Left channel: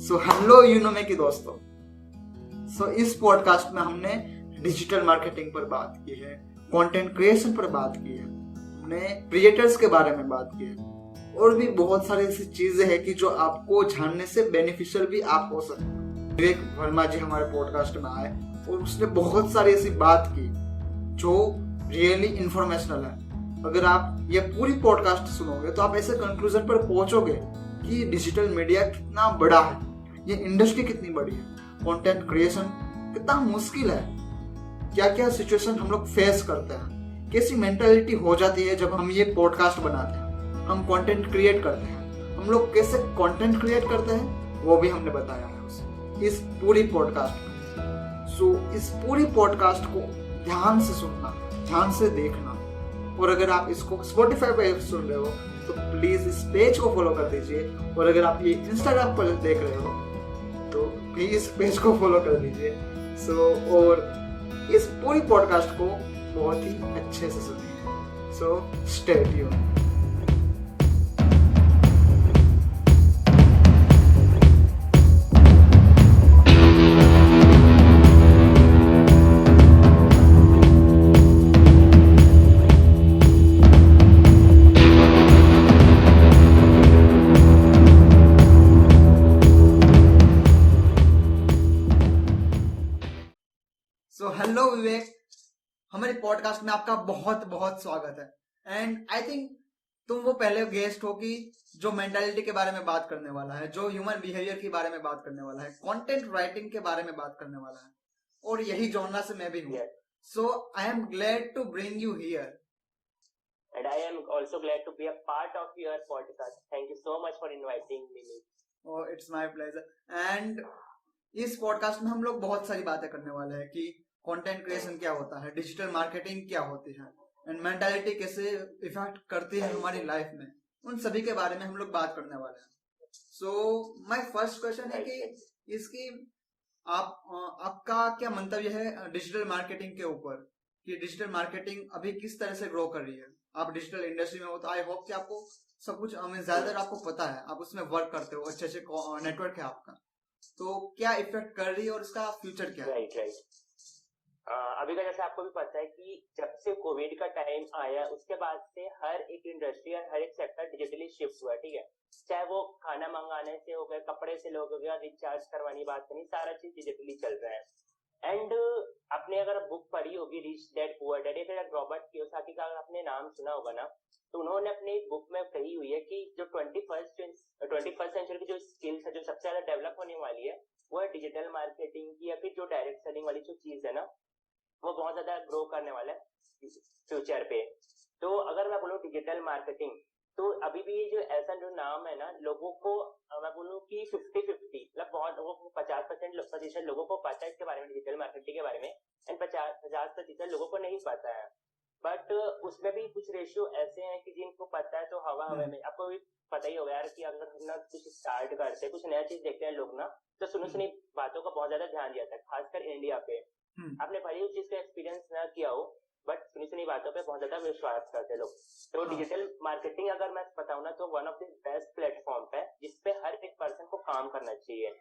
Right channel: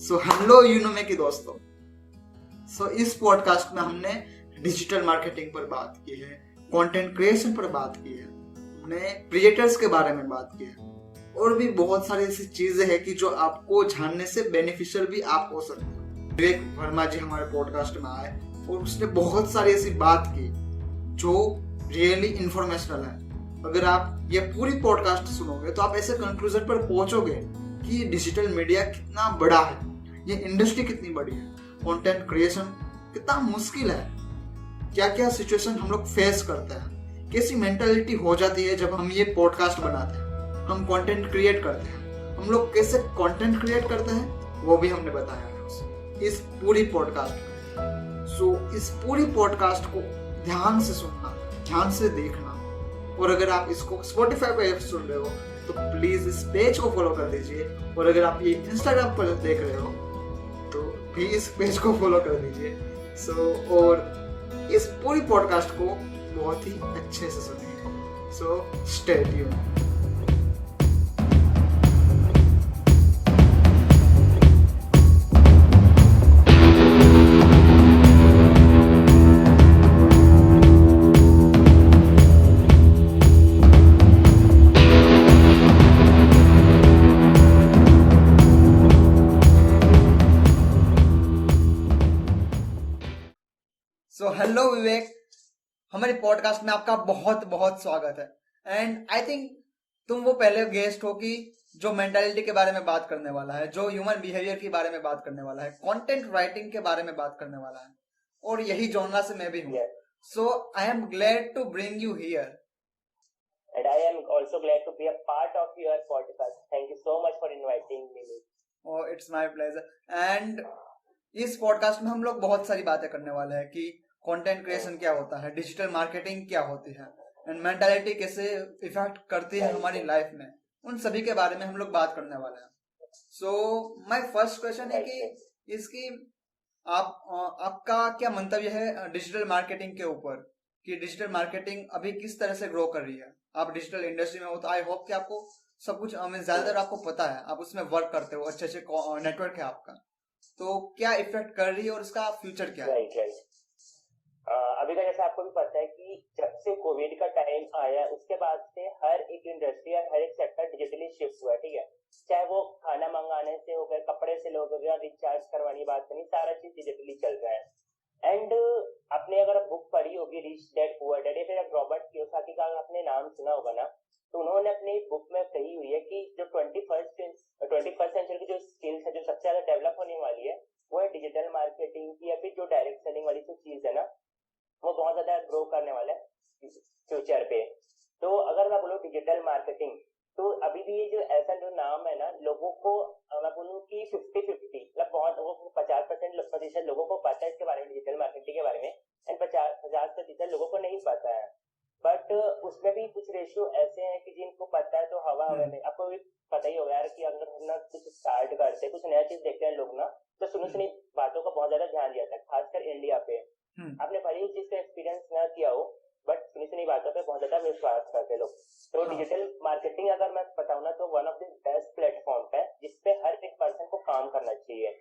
So hello यूनोमे के दोस्तों। इस पॉडकास्ट में हमने डिजिटल मार्केटिंग पर बात की है, कंटेंट क्रिएशन पर बात की है, हमने क्रिएटर्स के बारे में बात की है और भी बहुत सारी ऐसी चीजें हैं कि जो आपको जानने से बेनिफिशियल भी आप हो सकते हैं। विवेक वर्मा जी हमारे पॉडकास्ट में आए और उसने बहुत सारी ऐसी बात की जो रियली इंफॉर्मेशनल है। अगर आप ये पूरी पॉडकास्ट सुनोगे तो आप ऐसे कंक्लूजन पर पहुंचोगे कि डिजिटल मीडिया कितना बड़ा है, ये इंडस्ट्री कितनी बड़ी है, कंटेंट क्रिएशन कितना मुश्किल है, क्या क्या सिचुएशन हम लोग फेस करते हैं, कैसी मेंटालिटी हो जाती है जब हम ये पॉडकास्ट बनाते हैं, हम कंटेंट क्रिएट करते हैं, हम लोग कैसे कंटेंट क्रिएट करते हैं वो भी हमने बताया है इस पूरी पॉडकास्ट में। इस पूरी पॉडकास्ट को ध्यान से सुनना, ध्यान से देखना, और अगर आप इसको Spotify पे सुन रहे हो तो प्लीज इस पेज को फॉलो कर दीजिए, और अगर आप ये Instagram पर देख रहे हो तो भी इस पेज को फॉलो कर दीजिए। और इस पूरी पॉडकास्ट को बहुत ही अच्छे से सुनिए। Stay tuned. हेलो विवेक, हमारे पॉडकास्ट में आपका बहुत बहुत स्वागत है। एंड आई थिंक तुम वो पहले गेस्ट हो कि जो मेंटालिटी के बारे में बात करने वाला है, जो ह्यूमन बिहेवियर के बारे में बात करने वाला है, कंटेंट राइटिंग के बारे में बात करने वाला है, और यही जॉनरा से मैं भी हूँ। So I am glad to bring you here and I am also glad to be a part of your podcast. Thank you so much for inviting me. Oh, it's my pleasure. And इस podcast में हम लोग बहुत सारी बातें करने वाले हैं कि कंटेंट क्रिएशन क्या होता है, डिजिटल मार्केटिंग क्या होती है, एंड मेंटालिटी कैसे इफेक्ट करती है हमारी लाइफ में, उन सभी के बारे में हम लोग बात करने वाले हैं। माय फर्स्ट क्वेश्चन है कि इसकी आपका क्या मंतव्य है डिजिटल मार्केटिंग के ऊपर, कि डिजिटल मार्केटिंग अभी किस तरह से ग्रो कर रही है। आप डिजिटल इंडस्ट्री में हो तो आई होप कि आपको सब कुछ ज्यादातर आपको पता है, आप उसमें वर्क करते हो, अच्छे अच्छे नेटवर्क है आपका, तो क्या इफेक्ट कर रही है और इसका फ्यूचर क्या है? राइट। अभी का जैसे आपको भी पता है कि जब से कोविड का टाइम आया उसके बाद से हर एक इंडस्ट्री और हर एक सेक्टर डिजिटली शिफ्ट हुआ। ठीक है, चाहे वो खाना मंगाने से हो गया, कपड़े से लोग हो गया, रिचार्ज करवानी बात करनी, सारा चीज डिजिटली चल रहा है। एंड आपने अगर बुक पढ़ी होगी रिच डैड पुअर डैड, या फिर रॉबर्ट कियोसाकी का आपने नाम सुना होगा ना, तो उन्होंने अपनी बुक में कही हुई है कि जो 21st सेंचुरी की जो स्किल्स है, जो सबसे ज्यादा डेवलप होने वाली है, वो है डिजिटल मार्केटिंग की, या फिर जो डायरेक्ट सेलिंग वाली जो चीज है ना, वो बहुत ज्यादा ग्रो करने वाला है फ्यूचर पे। तो अगर मैं बोलूँ डिजिटल मार्केटिंग, तो अभी भी ये जो ऐसा जो नाम है ना, लोगों को मैं बोलूँ कि 50-50, मतलब बहुत लोगों को 50% लोगों को पता है इसके बारे में, डिजिटल मार्केटिंग के बारे में, एंड 50% लोगों को नहीं पता है। बट उसमें भी कुछ रेशियो ऐसे हैं कि जिनको पता है तो हवा हवा में। आपको भी पता ही होगा यार कि अगर हम ना कुछ स्टार्ट करते हैं, कुछ नया चीज देखते हैं लोग ना, तो सुनी बातों का बहुत ज्यादा ध्यान दिया जाता है, खासकर इंडिया पे। आपने भले उस चीज का एक्सपीरियंस ना किया हो, बट सुनी बातों पे बहुत ज्यादा विश्वास करते लोग। तो डिजिटल मार्केटिंग अगर मैं बताऊं ना, तो one of the best platform है जिसपे हर एक पर्सन को काम करना चाहिए।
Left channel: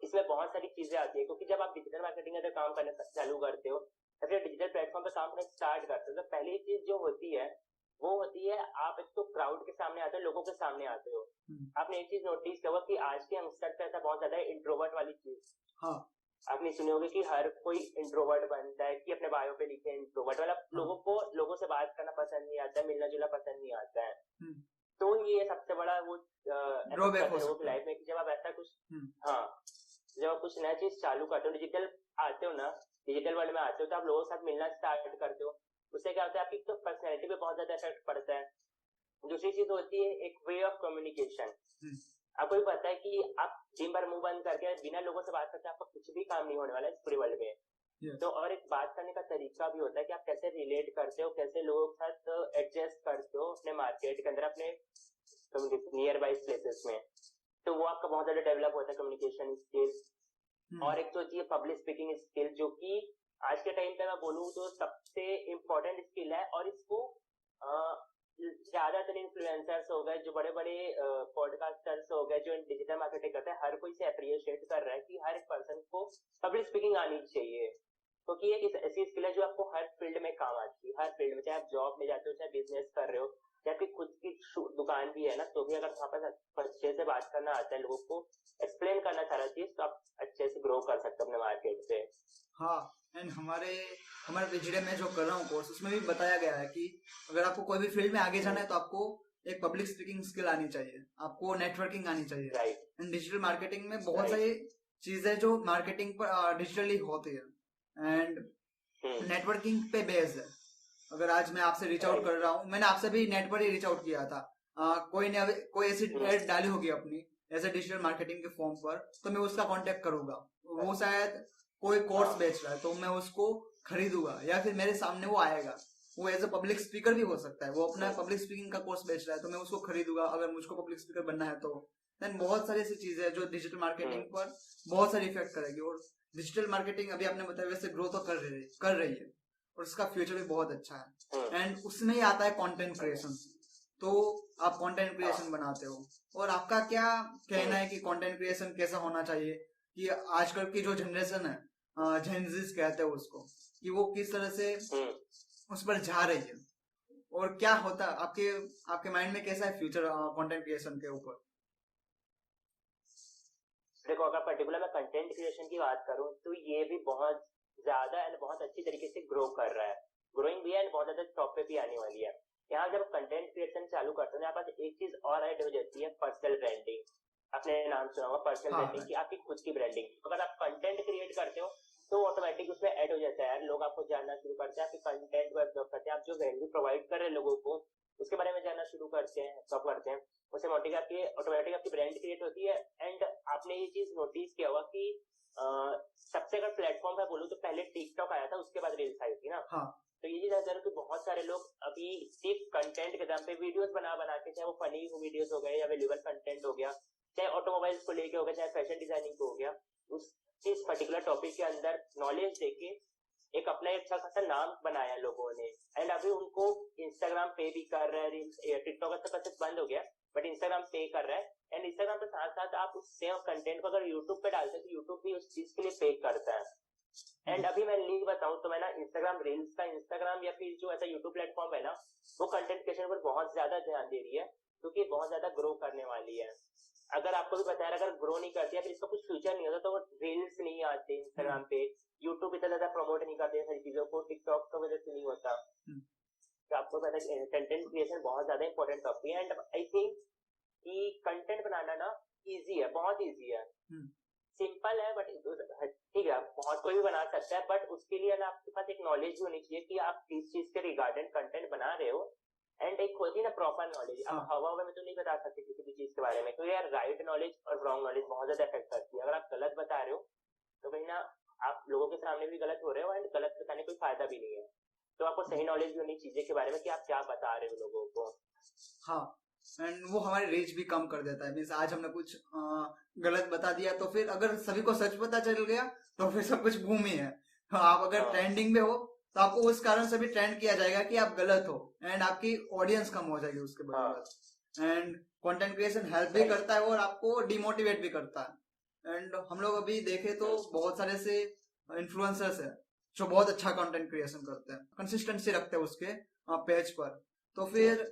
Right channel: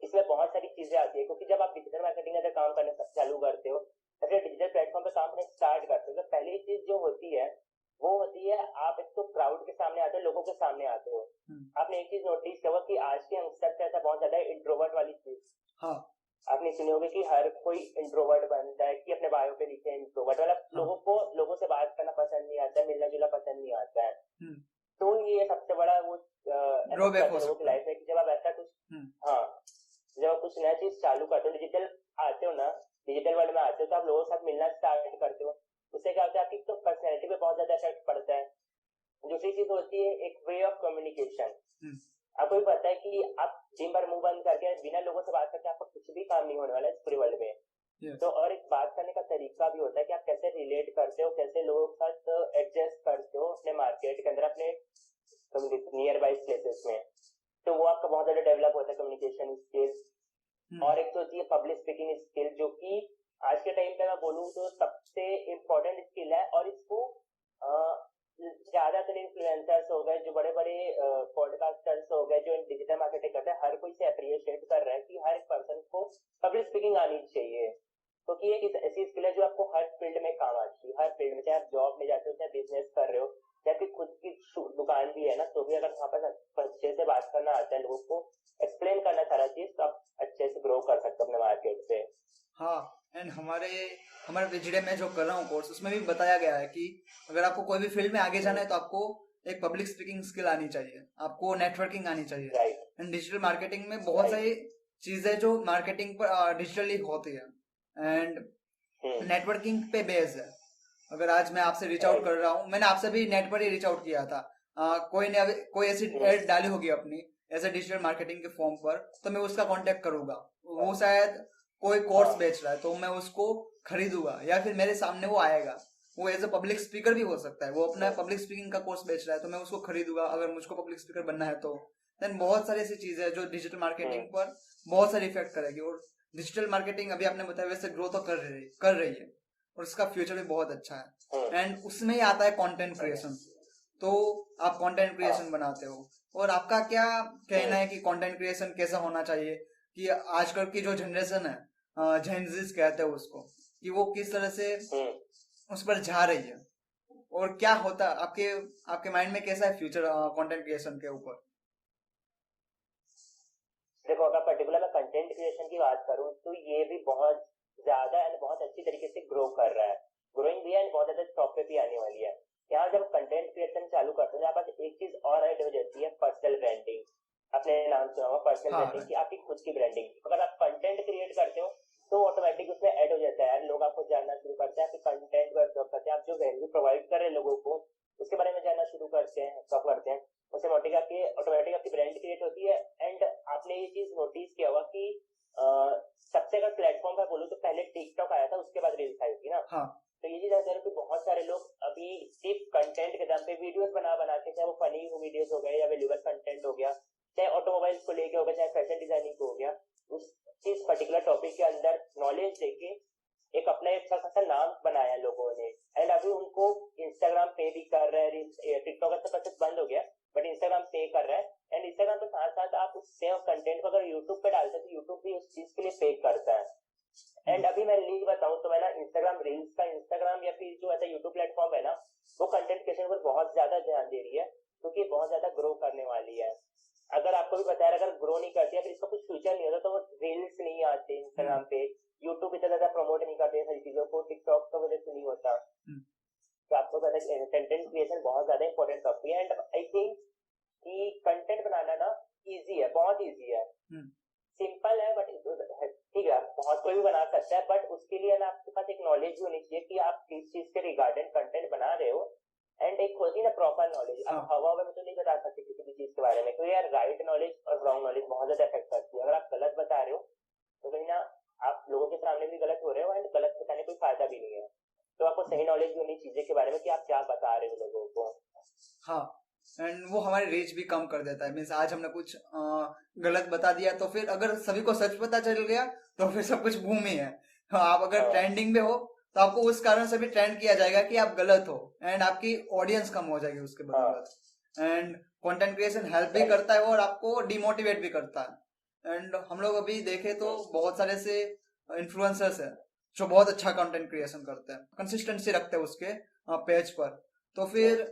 इसमें बहुत सारी चीजें आती है, क्योंकि जब आप डिजिटल मार्केटिंग का काम करना चालू करते हो या फिर डिजिटल प्लेटफॉर्म पे काम करना स्टार्ट करते हो, तो पहली चीज जो होती है वो होती है, आप एक तो क्राउड के सामने आते हो, लोगों के सामने आते हो। आपने एक चीज नोटिस किया होगा कि आज के यंगस्टर पे ऐसा बहुत ज्यादा इंट्रोवर्ट वाली चीज, हाँ, आपने सुने होंगे कि हर कोई इंट्रोवर्ट बनता है, कि अपने बायो पे लिखे इंट्रोवर्ट वाला। लोगों को लोगों से बात करना पसंद नहीं आता, मिलना जुलना पसंद नहीं आता है। तो ये सबसे बड़ा वो ड्रॉबैक हो सकता है लाइफ में, कि जब आप ऐसा कुछ हाँ, जब आप कुछ नया चीज चालू करते हो, डिजिटल आते हो ना, डिजिटल वर्ल्ड में आते हो, तो आप लोगों के साथ मिलना स्टार्ट करते हो। उससे क्या होता है, आपकी तो पर्सनैलिटी पे बहुत ज्यादा इफेक्ट पड़ता है। दूसरी चीज होती है एक वे ऑफ कम्युनिकेशन। आपको भी पता है कि आप दिन भर मुंह बंद करके बिना लोगों से बात करते आपका कुछ भी काम नहीं होने वाला है इस पूरे वर्ल्ड में। तो और एक बात करने का तरीका भी होता है कि आप कैसे रिलेट करते हो, कैसे लोगों के साथ एडजस्ट करते हो अपने मार्केट के अंदर, अपने नियर बाई प्लेसेस में। तो वो आपका बहुत ज्यादा डेवलप होता है, कम्युनिकेशन स्किल। और एक तो होती है पब्लिक स्पीकिंग स्किल, जो कि आज के टाइम पे मैं बोलूँ तो सबसे इम्पोर्टेंट स्किल है। और इसको ज्यादातर इन्फ्लुएंसर्स हो गए, जो बड़े बड़े पॉडकास्टर्स हो गए, जो डिजिटल मार्केटिंग करते हैं, हर कोई से को एक्सप्लेन करना सारा चीज, तो आप अच्छे से ग्रो कर सकते हो अपने मार्केट पे। हाँ, एंड हमारे PGDM में जो कर रहा हूँ कोर्स, उसमें भी बताया गया है कि अगर आपको कोई भी फील्ड में आगे जाना है तो आपको एक पब्लिक स्पीकिंग स्किल आनी चाहिए, आपको नेटवर्किंग आनी चाहिए। राइट। एंड डिजिटल मार्केटिंग में बहुत Right. सारी चीजें जो मार्केटिंग पर डिजिटली होती है एंड नेटवर्किंग पे बेस्ड है। अगर आज मैं आपसे रीच आउट कर रहा हूँ, मैंने आपसे भी नेट पर ही रीच आउट किया था, कोई ऐसी एड डाली होगी अपनी एज ए डिजिटल मार्केटिंग के फॉर्म पर, तो मैं उसका कांटेक्ट करूंगा। वो शायद कोई कोर्स बेच रहा है तो मैं उसको खरीदूंगा, या फिर मेरे सामने वो आएगा, वो एज ए पब्लिक स्पीकर भी हो सकता है, वो अपना पब्लिक स्पीकिंग का कोर्स बेच रहा है तो मैं उसको खरीदूंगा अगर मुझको पब्लिक स्पीकर बनना है तो। देन बहुत सारी ऐसी चीजें हैं जो डिजिटल मार्केटिंग पर बहुत सारी इफेक्ट करेगी। और डिजिटल मार्केटिंग अभी आपने बताया वैसे ग्रो तो कर रही है और उसका फ्यूचर भी बहुत अच्छा है। एंड उसमें ही आता है कंटेंट क्रिएशन। तो आप कंटेंट क्रिएशन बनाते हो, और आपका क्या कहना है कि कंटेंट क्रिएशन कैसा होना चाहिए, कि आजकल की जो जनरेशन है, जेनजीज कहते हैं उसको, कि वो किस तरह से उस पर जा रही है, और क्या होता है आपके माइंड में कैसा है फ्यूचर कंटेंट क्रिएशन के ऊपर? देखो, अगर पर्टिकुलर मैं कंटेंट क्रिएशन की बात करूं तो ये भी बहुत ज्यादा एंड बहुत अच्छी तरीके से ग्रो कर रहा है, ग्रोइंग भी है एंड बहुत ज्यादा टॉप पे भी आने वाली है। यहाँ जब कंटेंट क्रिएशन चालू करते हैं, यहाँ पर एक चीज और ऐड हो जाती है, पर्सनल ब्रांडिंग। आपने नाम सुना होगा पर्सनल ब्रांडिंग की, आपकी खुद की ब्रांडिंग। अगर आप कंटेंट क्रिएट करते हो तो ऑटोमेटिक उसमें ऐड हो जाता है यार, लोग आपको जानना शुरू करते हैं, आपके कंटेंट को एब्जॉर्ब करते हैं, आप जो वैल्यू प्रोवाइड कर रहे हैं लोगों को उसके बारे में जानना शुरू करते हैं, कब करते हैं, उससे ऑटोमेटिक आपकी ब्रांड क्रिएट होती है। एंड आपने ये चीज नोटिस किया होगा कि सबसे अगर प्लेटफॉर्म पे बोलूं तो पहले टिकटॉक आया था, उसके बाद रील्स आई थी ना। हाँ। तो ये चीज है कि बहुत सारे लोग अभी सिर्फ कंटेंट के दम पे वीडियोस बना के, चाहे वो फनी वीडियोस हो गए या वेल्यूबल कंटेंट हो गया, चाहे ऑटोमोबाइल्स को लेके हो गया, चाहे फैशन डिजाइनिंग को हो गया, उस इस पर्टिकुलर टॉपिक के अंदर नॉलेज देके एक अपना अच्छा खासा नाम बनाया लोगों ने। एंड अभी उनको इंस्टाग्राम पे भी कर रहा है, टिकटॉक तो कैसे बंद हो गया, बट इंस्टाग्राम पे कर रहा है। एंड इंस्टाग्राम के साथ साथ आप उस सेम कंटेंट को अगर यूट्यूब पे डालते हैं तो यूट्यूब भी उस चीज के लिए पे करता है। एंड अभी मैं लिंक बताऊं तो मैं ना इंस्टाग्राम रील्स का, इंस्टाग्राम या फिर जो ऐसा यूट्यूब प्लेटफॉर्म है ना, वो कंटेंट क्रिएशन पर बहुत ज्यादा ध्यान दे रही है, क्योंकि बहुत ज्यादा ग्रो करने वाली है। अगर आपको भी पता है अगर ग्रो नहीं करती है फिर इसका कुछ फ्यूचर नहीं होता, तो वो रील्स नहीं आते इंस्टाग्राम पे, यूट्यूब इतना ज्यादा प्रमोट नहीं करते सारी चीजों को, टिकटॉक का वजह से नहीं होता। तो आपको पता है कंटेंट क्रिएशन बहुत ज्यादा इंपॉर्टेंट टॉपिक है। एंड आई थिंक कि कंटेंट बनाना ना इजी है, बहुत इजी है, सिंपल है, बट ठीक है बहुत कोई भी बना सकता है, बट उसके लिए ना आपके पास एक नॉलेज भी होनी चाहिए कि आप किस चीज के रिगार्डिंग कंटेंट बना रहे हो। एंड एक होती है ना प्रॉपर नॉलेज। अब हवा में तो नहीं बता सकते किसी भी चीज के बारे में, क्योंकि यार राइट नॉलेज और रॉन्ग नॉलेज बहुत ज्यादा इफेक्ट करती है। अगर आप गलत बता रहे हो तो कहीं ना आप लोगों के सामने भी गलत हो रहे हो, एंड गलत बताने कोई फायदा भी नहीं है। तो आपको सही नॉलेज भी होनी चीजें के बारे में कि आप क्या बता रहे हो लोगों को। हाँ, एंड वो हमारी रीच भी कम कर देता है। मीन्स आज हमने कुछ गलत बता दिया तो फिर अगर सभी को सच पता चल गया तो फिर सब कुछ बूम ही है। आप अगर ट्रेंडिंग में हो तो आपको उस कारण से भी ट्रेंड किया जाएगा कि आप गलत हो, एंड आपकी ऑडियंस कम हो जाएगी उसके बदौलत। एंड कंटेंट क्रिएशन हेल्प भी करता है और आपको डिमोटिवेट भी करता है। एंड हम लोग अभी देखे तो बहुत सारे से इन्फ्लुएंसर्स है जो बहुत अच्छा कंटेंट क्रिएशन करते हैं, कंसिस्टेंसी रखते हैं उसके पेज पर। तो फिर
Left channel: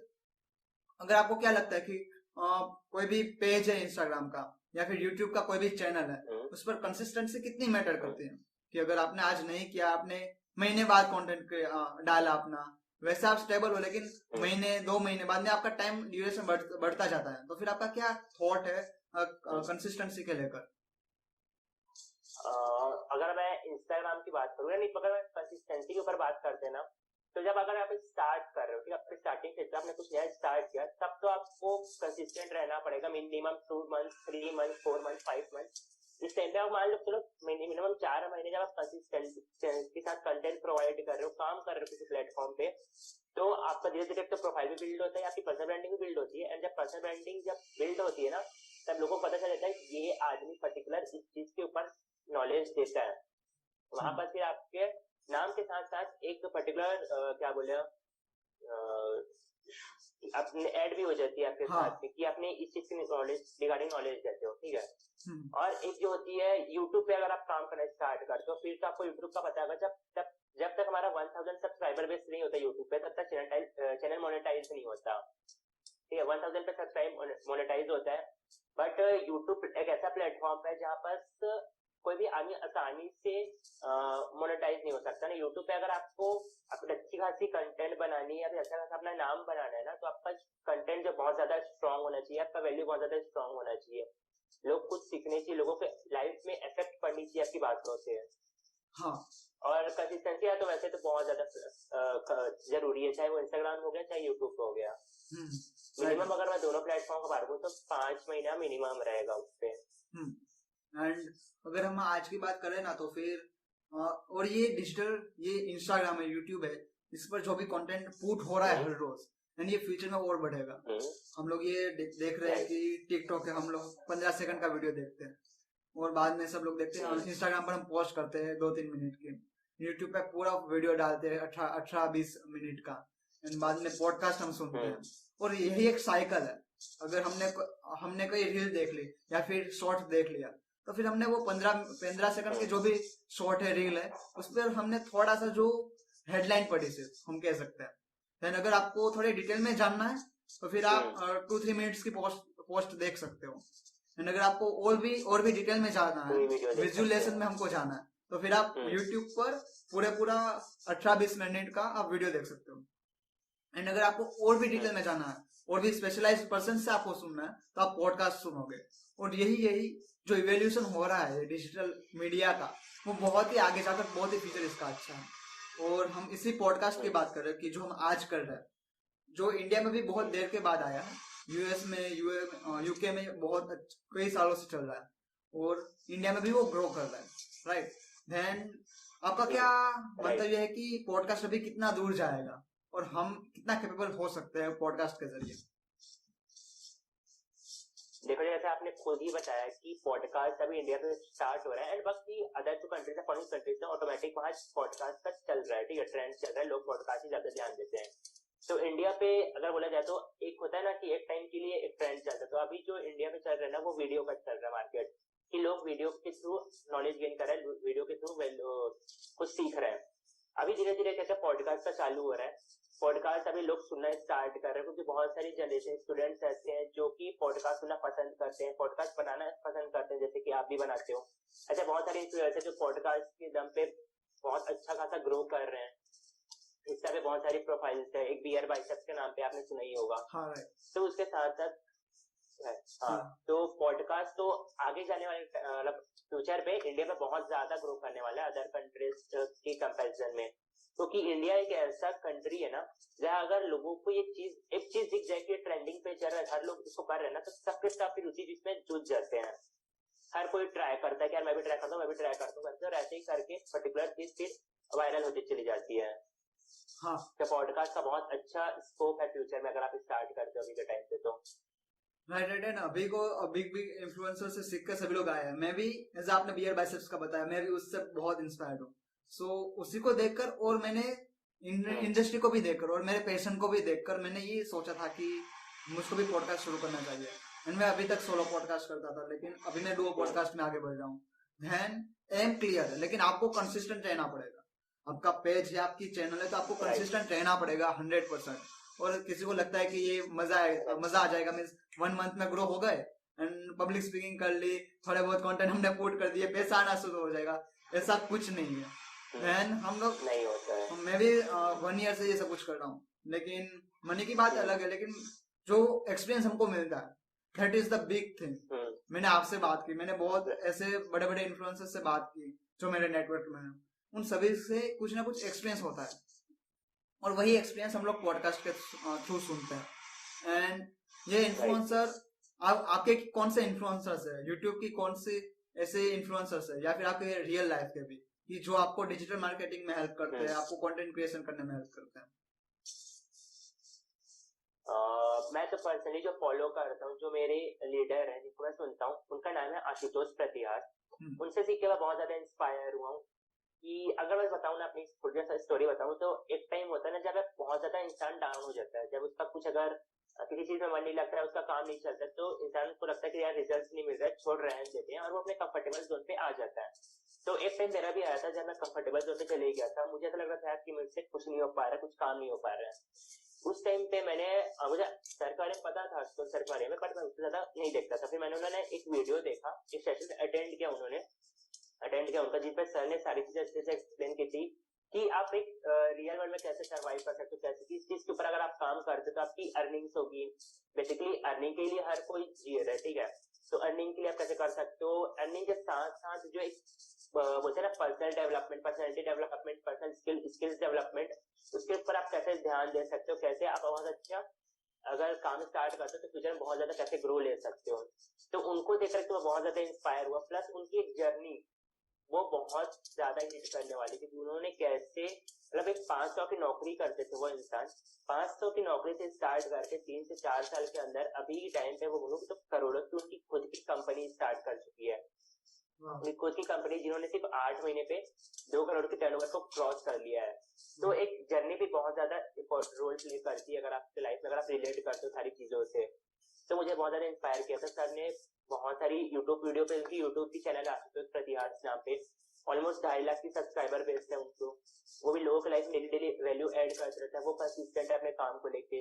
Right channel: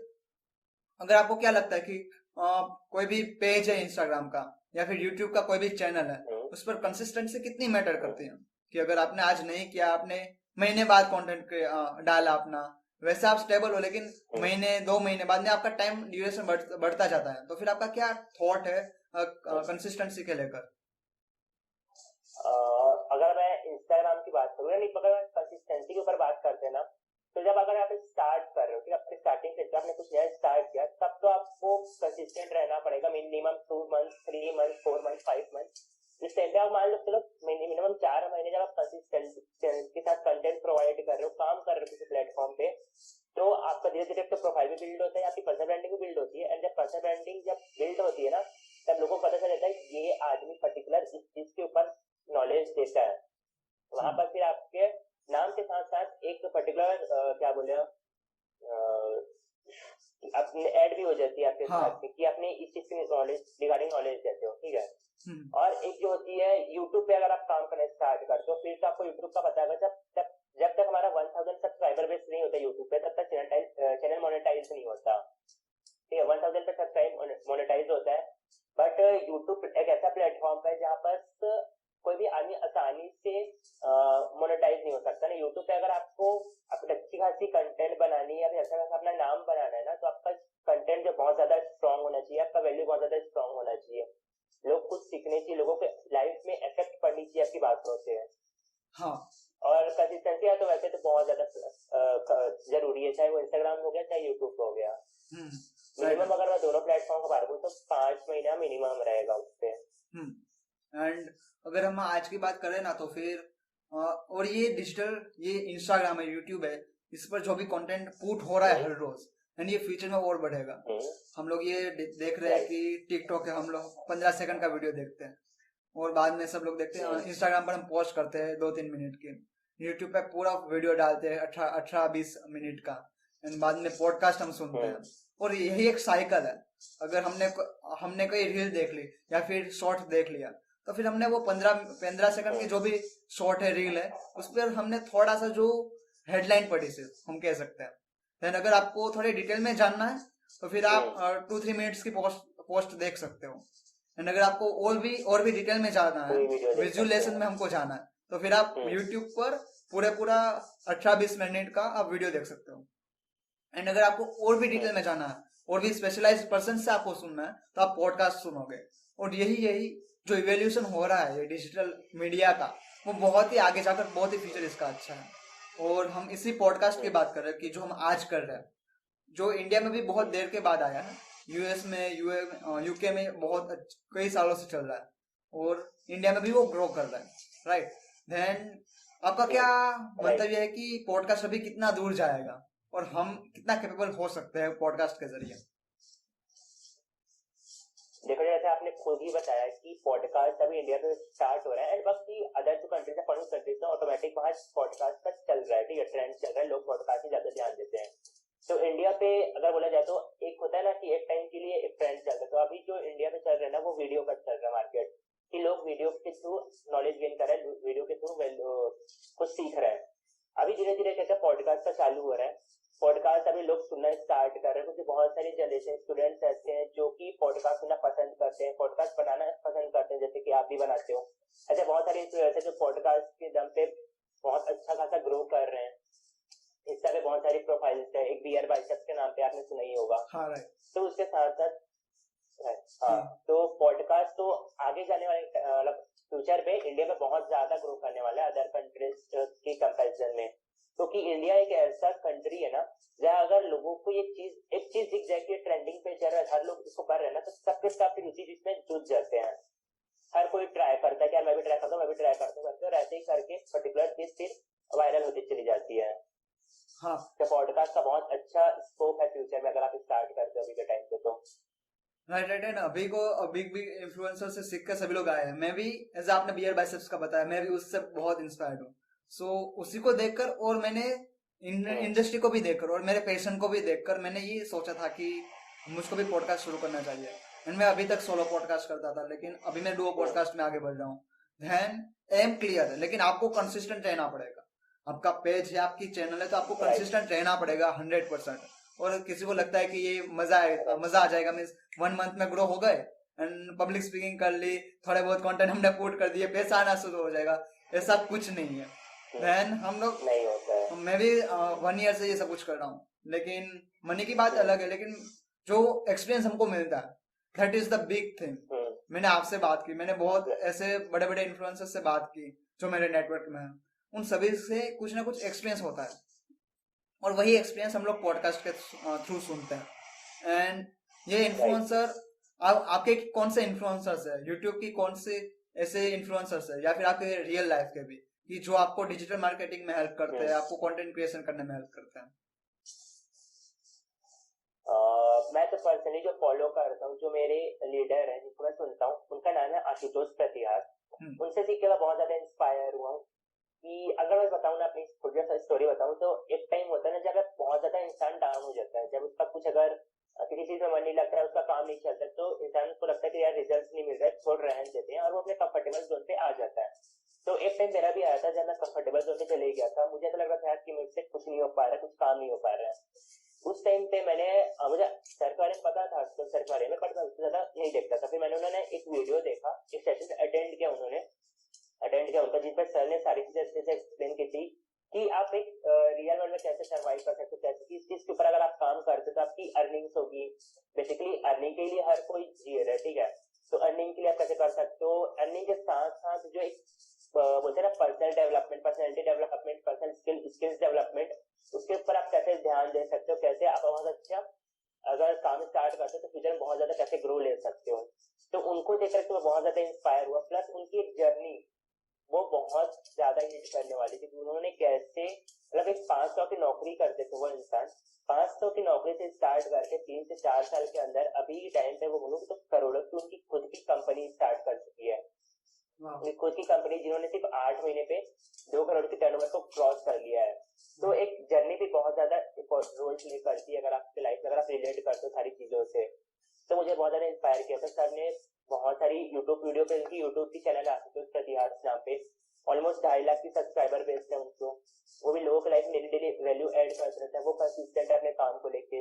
अगर आपको क्या लगता है कि कोई भी पेज है इंस्टाग्राम का या फिर यूट्यूब का कोई भी चैनल है, उस पर कंसिस्टेंसी कितनी मैटर करती है? कि अगर आपने आज नहीं किया, आपने महीने बाद कंटेंट डाला अपना, वैसे आप स्टेबल हो, लेकिन महीने 2 महीने बाद में आपका टाइम ड्यूरेशन बढ़ता जाता है, तो फिर आपका क्या थॉट है कंसिस्टेंसी के लेकर? अगर मैं इंस्टाग्राम की बात करूँ, नहीं अगर मैं कंसिस्टेंसी के ऊपर बात करते हैं ना, तो जब अगर आप स्टार्ट कर रहे हो कि आपने स्टार्टिंग क्षेत्र आपने कुछ नया स्टार्ट किया, तब तो आपको कंसिस्टेंट रहना पड़ेगा। Minimum 2 month, 3 month, 4 month, 5 month, इस टाइम पे आप मान लो चलो मिनिमम 4 महीने जब आप कंसिस्टेंट के साथ कंटेंट प्रोवाइड कर रहे हो, काम कर रहे हो किसी प्लेटफॉर्म पे, तो आपका धीरे धीरे तो प्रोफाइल भी बिल्ड होता है, आपकी पर्सनल ब्रांडिंग भी बिल्ड होती है। एंड जब पर्सनल ब्रांडिंग जब बिल्ड होती है ना, तब लोगों को पता चल जाता है ये आदमी पर्टिकुलर इस चीज के ऊपर नॉलेज देता है। वहां पर फिर आपके नाम के साथ साथ एक पर्टिकुलर क्या बोले अपने ऐड भी हो जाती है आपके साथ कि आपने इस चीज की नॉलेज रिगार्डिंग नॉलेज देते हो, ठीक है। और एक जो होती है यूट्यूब पे अगर आप काम करना स्टार्ट करते हो, फिर तो आपको यूट्यूब का पता होगा जब तक हमारा 1000 सब्सक्राइबर बेस नहीं होता यूट्यूब पे, तब तक चैनल मोनेटाइज नहीं होता, ठीक है। 1000 पे सब्सक्राइब मोनेटाइज होता है बट यूट्यूब एक ऐसा प्लेटफॉर्म है जहाँ पर कोई भी आदमी आसानी से मोनेटाइज नहीं हो सकता ना। यूट्यूब पे अगर आपको अपनी अच्छी खासी कंटेंट बनानी है या फिर अच्छा खासा अपना नाम बनाना है ना, तो आपका कंटेंट जो बहुत ज्यादा स्ट्रांग होना चाहिए, आपका वैल्यू बहुत ज्यादा स्ट्रांग होना चाहिए, लोग कुछ सीखने चाहिए, लोगों के लाइफ में इफेक्ट पड़नी चाहिए आपकी बातों से। हाँ और कंसिस्टेंसी है तो वैसे तो बहुत ज्यादा जरूरी है, चाहे वो इंस्टाग्राम हो गया चाहे यूट्यूब हो गया। मिनिमम अगर मैं दोनों प्लेटफॉर्म का बात करूँ तो 5 महीना मिनिमम रहेगा उस पे। एंड अगर हम आज की बात करें ना तो फिर और ये डिजिटल, ये इंस्टाग्राम है, यूट्यूब है, इस पर जो भी कंटेंट पुट हो रहा है हर रोज, एंड ये फ्यूचर में और बढ़ेगा। हम लोग ये देख रहे हैं कि टिकटॉक है, हम लोग 15 सेकंड का वीडियो देखते हैं और बाद में सब लोग देखते हैं। इंस्टाग्राम पर हम पोस्ट करते हैं 2-3 मिनट की, यूट्यूब पे पूरा वीडियो डालते हैं 18-20 मिनट का, एंड बाद में पॉडकास्ट हम सुनते हैं। और यही एक साइकिल है। अगर हमने कोई रील देख ली या फिर शॉर्ट देख लिया, तो फिर हमने वो 15 सेकंड की जो भी शॉर्ट है, रील है, उस पर हमने थोड़ा सा जो हेडलाइन पढ़ी सिर्फ, हम कह सकते हैं। देन अगर आपको थोड़े डिटेल में जानना है तो फिर आप 2-3 मिनट्स की पोस्ट देख सकते हो। एंड अगर आपको और भी डिटेल में जाना है, विजुअलाइजेशन में हमको जाना है, तो फिर आप यूट्यूब पर पूरा 18-20 मिनट का आप वीडियो देख सकते हो। एंड अगर आपको और भी डिटेल में जाना है और भी स्पेशलाइज्ड पर्सन से आपको सुनना है, तो आप पॉडकास्ट सुनोगे। और यही जो इवोल्यूशन हो रहा है डिजिटल मीडिया का, वो बहुत ही आगे जाकर बहुत ही फ्यूचर इसका अच्छा है। और हम इसी पॉडकास्ट की बात कर रहे हैं कि जो हम आज कर रहे हैं, जो इंडिया में भी बहुत देर के बाद आया है, यूएस में, यूके में बहुत कई सालों से चल रहा है, और इंडिया में भी वो ग्रो कर रहा है, राइट। देन आपका क्या मंतव्य है कि पॉडकास्ट अभी कितना दूर जाएगा और हम कितना कैपेबल हो सकते हैं पॉडकास्ट के जरिए? देखो, जैसे आपने खुद ही बताया कि पॉडकास्ट अभी इंडिया में स्टार्ट हो रहा है, एंड बाकी अदर जो कंट्रीज है, फॉरेन कंट्रीज है, ऑटोमेटिक वहां पॉडकास्ट का चल रहा है, ठीक है, ट्रेंड चल रहा है, लोग पॉडकास्ट में ज्यादा ध्यान देते हैं। तो इंडिया पे अगर बोला जाए तो एक होता है ना कि एक टाइम के लिए एक ट्रेंड चलता है, तो अभी जो इंडिया में चल रहा है ना, वो वीडियो का चल रहा है मार्केट, कि लोग वीडियो के थ्रू नॉलेज गेन कर रहे हैं, वीडियो के थ्रू कुछ सीख रहे हैं। अभी धीरे धीरे कैसे पॉडकास्ट का चालू हो रहा है, पॉडकास्ट अभी लोग सुनना स्टार्ट कर रहे हैं, क्योंकि बहुत सारी जनरेशन स्टूडेंट्स ऐसे हैं जो कि पॉडकास्ट सुनना पसंद करते हैं, पॉडकास्ट बनाना पसंद करते हैं, जैसे कि आप भी बनाते हो। अच्छा, बहुत सारे इन्फ्लुएंसर हैं जो पॉडकास्ट के दम पे बहुत अच्छा खासा ग्रो कर रहे हैं। इस तरह बहुत सारी प्रोफाइल्स है, एक बियर बाइसेप्स के नाम पे आपने सुना ही होगा। हाँ, राइट। तो उसके साथ साथ तो पॉडकास्ट तो आगे जाने वाले मतलब फ्यूचर पे इंडिया में बहुत ज्यादा ग्रो करने वाला है अदर कंट्रीज की कंपैरिजन में, क्योंकि इंडिया एक ऐसा कंट्री है ना जहाँ अगर लोगों को एक चीज दिख जाए कि ट्रेंडिंग पे चल रहा है, हर लोग उसको कर रहे हैं ना, तो सबके साथ रुचि जिसमें जुट जाते हैं। हर कोई ट्राई करता है कि मैं भी ट्राई करता हूँ, मैं भी ट्राई करता हूँ, और ऐसे ही करके पर्टिकुलर चीज फिर वायरल होती चली जाती है। हाँ, तो पॉडकास्ट का बहुत अच्छा स्कोप है फ्यूचर में अगर आप स्टार्ट करते हो अभी के टाइम पे तो। राइट। एंड अभी भी इन्फ्लुएंसर से सीख कर सभी लोग आए हैं। मैं भी, जैसे आपने बियर बाइसेप्स का बताया, मैं भी उससे बहुत इंस्पायर्ड हूँ। सो उसी को देखकर और मैंने इंडस्ट्री को भी देखकर और मेरे पैशन को भी देखकर मैंने ये सोचा था कि मुझको भी पॉडकास्ट शुरू करना चाहिए। एंड मैं अभी तक सोलो पॉडकास्ट करता था, लेकिन अभी मैं डुओ पॉडकास्ट में आगे बढ़ रहा हूँ। देन एम क्लियर है, लेकिन आपको कंसिस्टेंट रहना पड़ेगा। आपका पेज है, आपकी चैनल है, तो आपको कंसिस्टेंट रहना पड़ेगा 100%। और किसी को लगता है कि ये मजा आ जाएगा, मीन्स 1 मंथ में ग्रो हो गए एंड पब्लिक स्पीकिंग कर ली, थोड़े बहुत कंटेंट हमने पुट कर दिए, पैसा आना शुरू हो जाएगा, ऐसा कुछ नहीं है। देन हम लोग, मैं भी 1 ईयर से ये सब कुछ कर रहा हूँ, लेकिन मनी की बात अलग है, लेकिन जो एक्सपीरियंस हमको मिलता है, that is the big thing. मैंने आपसे बात की, मैंने बहुत ऐसे बड़े बड़े इन्फ्लुएंसर्स से बात की जो मेरे नेटवर्क में है, उन सभी से कुछ ना कुछ एक्सपीरियंस होता है, और वही एक्सपीरियंस हम लोग पॉडकास्ट के थ्रू सुनते हैं। एंड ये इन्फ्लुएंसर, आपके कौन से इन्फ्लुएंसर्स है, यूट्यूब की कौन से ऐसे इन्फ्लुएंसर्स है, या फिर आपके रियल लाइफ के भी, कि जो आपको डिजिटल मार्केटिंग में हेल्प करते हैं, आपको कंटेंट क्रिएशन करने में हेल्प करते हैं? मैं तो पर्सनली जो फॉलो करता हूँ, जो मेरे लीडर हैं जिनको मैं सुनता हूँ, उनका नाम है आशुतोष प्रतिहार। उनसे सीख के मैं बहुत ज्यादा इंस्पायर हुआ हूँ। कि अगर मैं बताऊँ ना, अपनी स्टोरी बताऊँ, तो एक टाइम होता है ना जब बहुत ज्यादा इंसान डाउन हो जाता है, जब उसका कुछ अगर किसी चीज में मन नहीं लगता है, उसका काम नहीं चलता, तो इंसान को लगता है कि यार रिजल्ट नहीं मिल रहा है, छोड़ रहने देते हैं, और वो अपने कंफर्टेबल जोन पे आ जाता है। तो एक टाइम मेरा भी आया था जब मैं कंफर्टेबल जोन पे चले गया था, मुझे ऐसा लग रहा था कि मुझसे कुछ नहीं हो पा रहा है, कुछ काम नहीं हो पा रहा है। उस टाइम पे मुझे सर के बारे में पता था तो सर के बारे में, बट मैं उससे ज्यादा नहीं देखता था। फिर मैंने उन्होंने एक वीडियो देखा, एक सेशन अटेंड किया उनका, जिस पर सर ने सारी चीजें अच्छे से एक्सप्लेन की थी कि आप एक रियल वर्ल्ड में कैसे सर्वाइव कर सकते हो, कैसे किस चीज के ऊपर अगर आप काम करते हो तो आपकी अर्निंग्स होगी। बेसिकली अर्निंग के लिए हर कोई जी रहा है, ठीक है, तो अर्निंग के लिए आप कैसे कर सकते हो, अर्निंग के साथ साथ जो एक बोलते हैं ना personal development, personality development, personal skills development, उसके ऊपर आप कैसे ध्यान दे सकते हो, कैसे आप बहुत अच्छा अगर काम स्टार्ट करते हो तो फ्यूचर में बहुत ज्यादा कैसे ग्रो ले सकते हो। तो उनको देखकर तो मैं बहुत ज्यादा इंस्पायर हुआ, प्लस उनकी एक जर्नी वो बहुत ज्यादा हिट करने वाली थी। उन्होंने कैसे मतलब एक 500 की नौकरी करते थे वो इंसान, 500 की नौकरी से स्टार्ट करके 3 से 4 साल के अंदर अभी के टाइम पे वो बोलूँ तो करोड़ों की उनकी खुद की कंपनी स्टार्ट कर चुकी है। उनकी खुद की कंपनी जिन्होंने सिर्फ 8 महीने पे 2 करोड़ की टर्नओवर को क्रॉस कर लिया है। तो एक जर्नी भी बहुत ज्यादा रोल प्ले करती है अगर आपकी लाइफ में, अगर आप रिलेट करते हो सारी चीजों से। तो मुझे बहुत ज्यादा इंस्पायर किया था सर ने। बहुत सारी यूट्यूब वीडियो पे, उनकी यूट्यूब की चैनल आती है प्रतिहार्स नाम पे, ऑलमोस्ट 2.5 लाख की सब्सक्राइबर बेस है उनको। वो भी लोगों की लाइफ में डेली वैल्यू ऐड करते रहता है, वो परसिस्टेंट है अपने काम को लेके।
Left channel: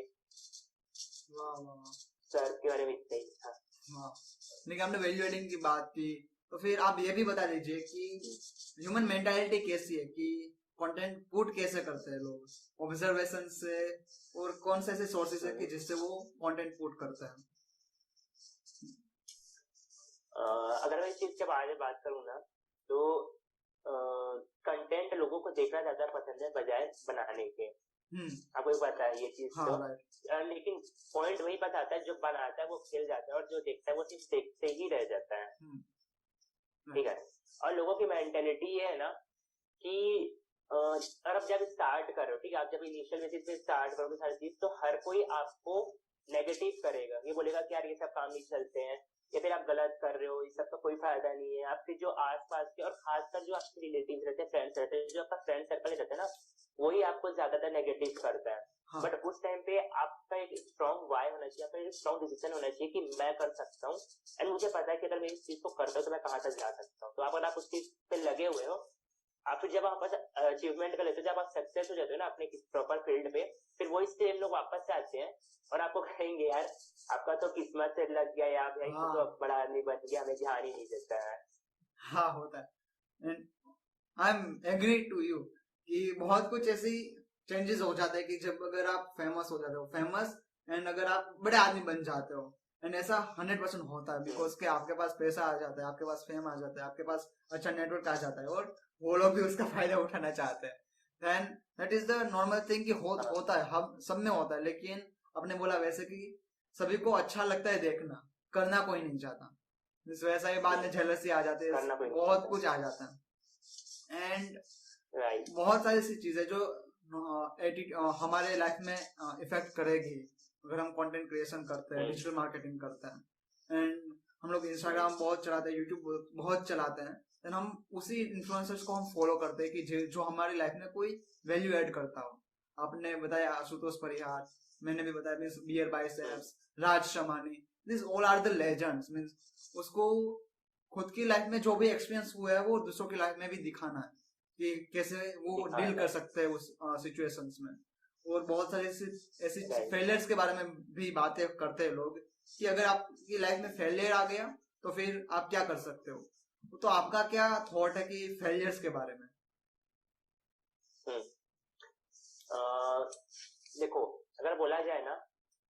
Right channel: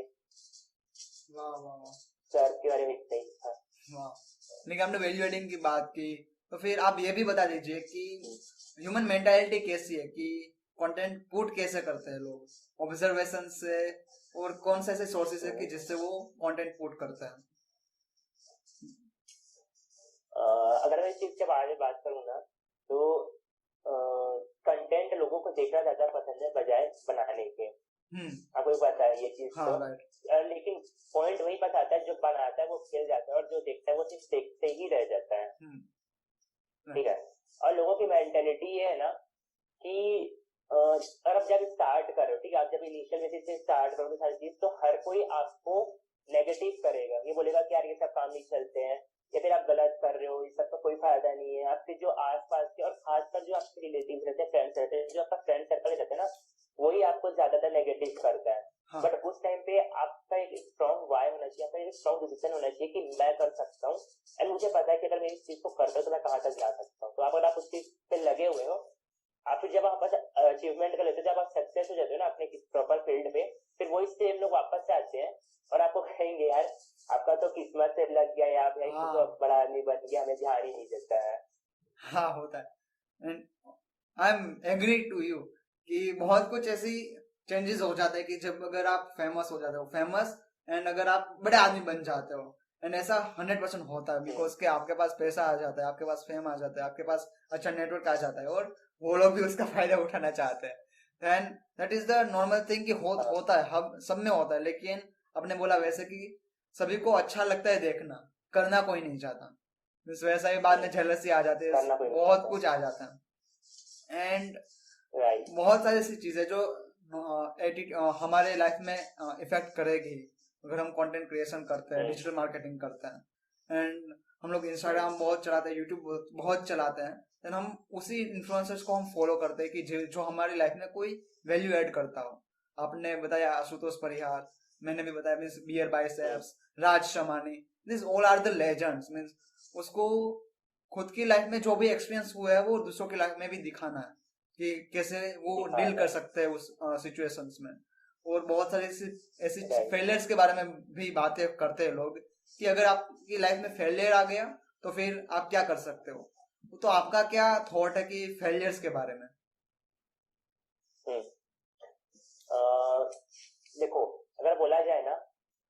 वाह वाह, सर के बारे में इतना ही था। वाह। लेकिन हमने वैल्यू एडिंग की बात की, तो फिर आप ये भी बता दीजिए कि ह्यूमन मेंटालिटी कैसी है, कि कंटेंट पुट कैसे करते हैं लोग ऑब्जर्वेशन से, और कौन से ऐसे सोर्सेस है कि जिससे वो कंटेंट पुट करते हैं। अगर मैं इस चीज के बारे में बात करूँ ना, तो कंटेंट लोगों को देखना ज्यादा पसंद है बजाय बनाने के। आपको पता है ये चीज। हाँ, तो लेकिन पॉइंट वही बताता है, जो बनाता है वो खेल जाता है और जो देखता है वो सिर्फ देखते ही रह जाता है, ठीक है। और लोगों की मेंटेलिटी ये है ना कि और अब जब स्टार्ट करो, ठीक है, आप जब इनिशियल बेसिस पे स्टार्ट करोगे सारी चीज, तो हर कोई आपको नेगेटिव करेगा, ये बोलेगा कि यार ये सब काम नहीं चलते हैं, या फिर आप गलत कर रहे हो, इस सब का कोई फायदा नहीं है। आपके जो आसपास के और खासकर जो आपके रिलेटिव रहते हैं, फ्रेंड्स रहते हैं, जो आपका फ्रेंड सर्कल रहता है ना, वही आपको ज्यादातर नेगेटिव करता है। हाँ। बट उस टाइम पे आपका एक स्ट्रॉन्ग वाई होना चाहिए, आपका एक स्ट्रॉन्ग डिसीजन होना चाहिए कि मैं कर सकता हूँ, एंड मुझे पता है कि अगर मैं इस चीज को करता हूँ तो मैं कहाँ तक जा सकता हूँ। तो अगर आप उस चीज पे लगे हुए हो, आप फिर जब आप अचीवमेंट कर लेते हो, जब आप सक्सेस हो जाते हो ना अपने प्रॉपर फील्ड पे, फिर वही सेम लोग वापस से आते हैं और आपको कहेंगे यार आपका तो किस्मत से लग गया, या आप हाँ। तो बड़ा आदमी बन गया, हमें ध्यान ही नहीं देता है। हाँ, होता है। And I am agree to you कि बहुत कुछ ऐसी चेंजेस हो जाते हैं कि जब अगर आप फेमस हो जाते हो, फेमस एंड अगर आप बड़े आदमी बन जाते हो, एंड ऐसा 100% होता है, बिकॉज के आपके पास पैसा आ जाता है, आपके पास फेम आ जाता है, आपके पास अच्छा नेटवर्क आ जाता है, और वो लोग भी उसका फायदा उठाना चाहते हैं। Then that is the normal thing कि होता है, हम सब में होता है। लेकिन आपने बोला वैसे कि सभी को अच्छा लगता है देखना, करना कोई नहीं चाहता, वैसा ही बाद में जेलसी आ जाती है, बहुत कुछ आ जाता है। एंड बहुत सारी ऐसी चीजें जो हमारे लाइफ में इफेक्ट करेगी अगर हम कंटेंट क्रिएशन करते हैं, डिजिटल मार्केटिंग करते हैं। एंड हम लोग इंस्टाग्राम बहुत चलाते हैं, यूट्यूब बहुत चलाते हैं, देन हम उसी इन्फ्लुएंसर्स को हम फॉलो करते हैं कि जो हमारी लाइफ में कोई वैल्यू ऐड करता हो। आपने बताया आशुतोष परिहार, मैंने भी बताया means BeerBiceps, Raj Shamani, this all are the legends. Means उसको खुद की लाइफ में जो भी एक्सपीरियंस हुआ है वो दूसरों की लाइफ में भी दिखाना है कि कैसे वो डील कर सकते हैं उस सिचुएशंस में। और बहुत सारे ऐसी फेलियर्स के बारे में भी बातें करते हैं लोग कि अगर आपकी लाइफ में फेलियर आ गया तो फिर आप क्या कर सकते हो। तो आपका क्या थॉट है कि फेलियर्स के बारे में? देखो, अगर बोला जाए ना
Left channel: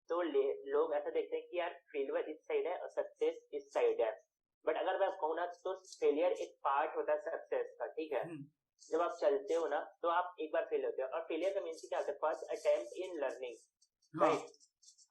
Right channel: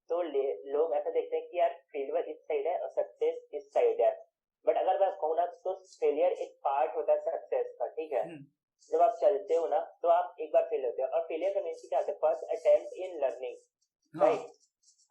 तो लोग ऐसा देखते हैं कि यार फेलियर इस साइड है और सक्सेस इस साइड है, बट अगर मैं कहूँ ना तो फेलियर एक पार्ट होता है सक्सेस का, ठीक है। जब आप चलते हो ना तो आप एक बार फेल होते हो, और फेलियर का मीन्स क्या होता है, first attempt in learning, right.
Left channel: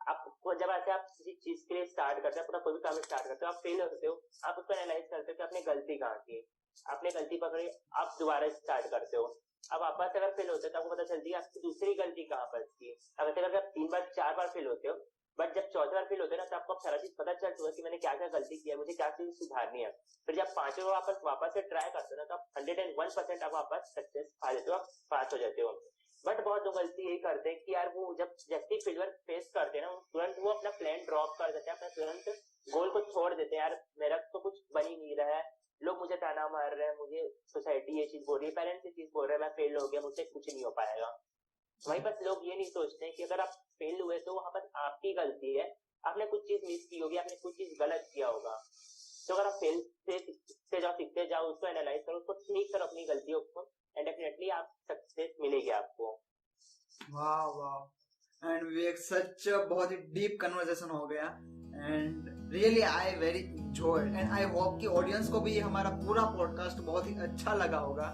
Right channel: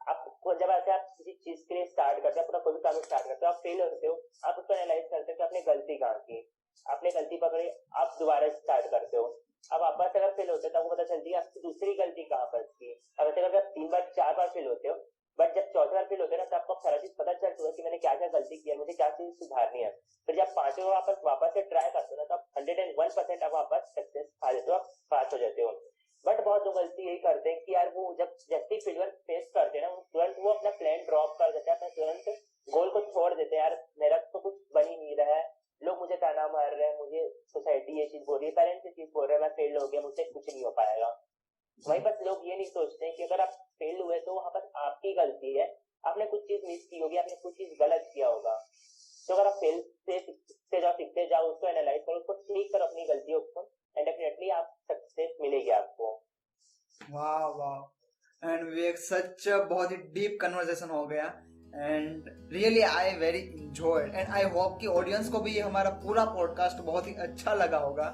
आपको जब ऐसे आप किसी चीज के लिए स्टार्ट करते हो, अपना कोई भी काम स्टार्ट करते हो, आप फेल होते हो, आप उसको एनालाइज करते हो कि आपने गलती कहाँ की, आपने गलती पकड़ी, आप दोबारा स्टार्ट करते हो। अब वापस अगर फेल होते हो तो आपको पता चलती है आपकी दूसरी गलती कहाँ पर थी। अब ऐसे अगर 3 बार 4 बार फेल होते हो, बट जब 4थी बार फेल होते हो ना तो आपको सारा चीज पता चल चुका है कि मैंने क्या क्या गलती की है, मुझे क्या चीज सुधारनी है। फिर जब 5वीं बार वापस से ट्राई करते हो ना तो आप 101% आप वापस सक्सेस पा लेते हो, आप पास हो जाते हो। बट बहुत लोग गलती यही करते हैं कि यार वो जब जैसे फेलियर फेस करते हैं ना, तुरंत वो अपना प्लान ड्रॉप कर देते हैं, अपना तुरंत गोल को छोड़ देते हैं। यार मेरा तो कुछ बन ही नहीं रहा है, लोग मुझे ताना मार रहे हैं, मुझे सोसाइटी ये चीज बोल रही है, पेरेंट्स ये चीज बोल रहे हैं, मैं फेल हो गया, मुझसे कुछ नहीं हो पाएगा। वहीं पर लोग ये नहीं सोचते कि अगर आप फेल हुए तो वहां पर आपकी गलती है, आपने कुछ चीज मिस की होगी, आपने कुछ चीज गलत किया होगा। तो अगर आप फेल से सीखते जाओ, उसको एनालाइज करो, उसको ठीक करो अपनी गलतियों को, एंड डेफिनेटली आप सक्सेस मिलेगी आपको। वाह वाह, एंड विवेक सच बहुत ही डीप कन्वर्सेशन हो गया, and really I very enjoyed, and I hope कि ऑडियंस को भी ये हमारा पूरा पॉडकास्ट बहुत ही अच्छा लगा होगा।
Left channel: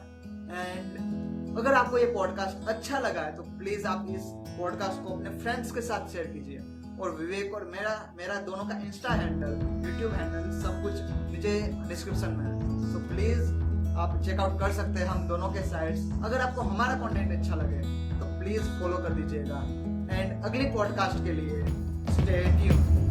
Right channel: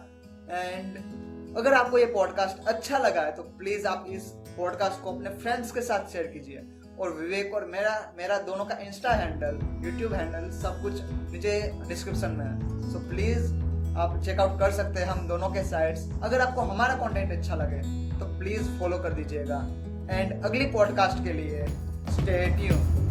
एंड अगर आपको ये पॉडकास्ट अच्छा लगा है तो प्लीज आप इस पॉडकास्ट को अपने फ्रेंड्स के साथ शेयर कीजिए, और विवेक और मेरा दोनों का इंस्टा हैंडल, यूट्यूब हैंडल सब कुछ नीचे डिस्क्रिप्शन में है, सो प्लीज आप चेकआउट कर सकते हैं हम दोनों के साइट्स। अगर आपको हमारा कंटेंट अच्छा लगे तो प्लीज फॉलो कर दीजिएगा, एंड अगली पॉडकास्ट के लिए स्टे ट्यून्ड।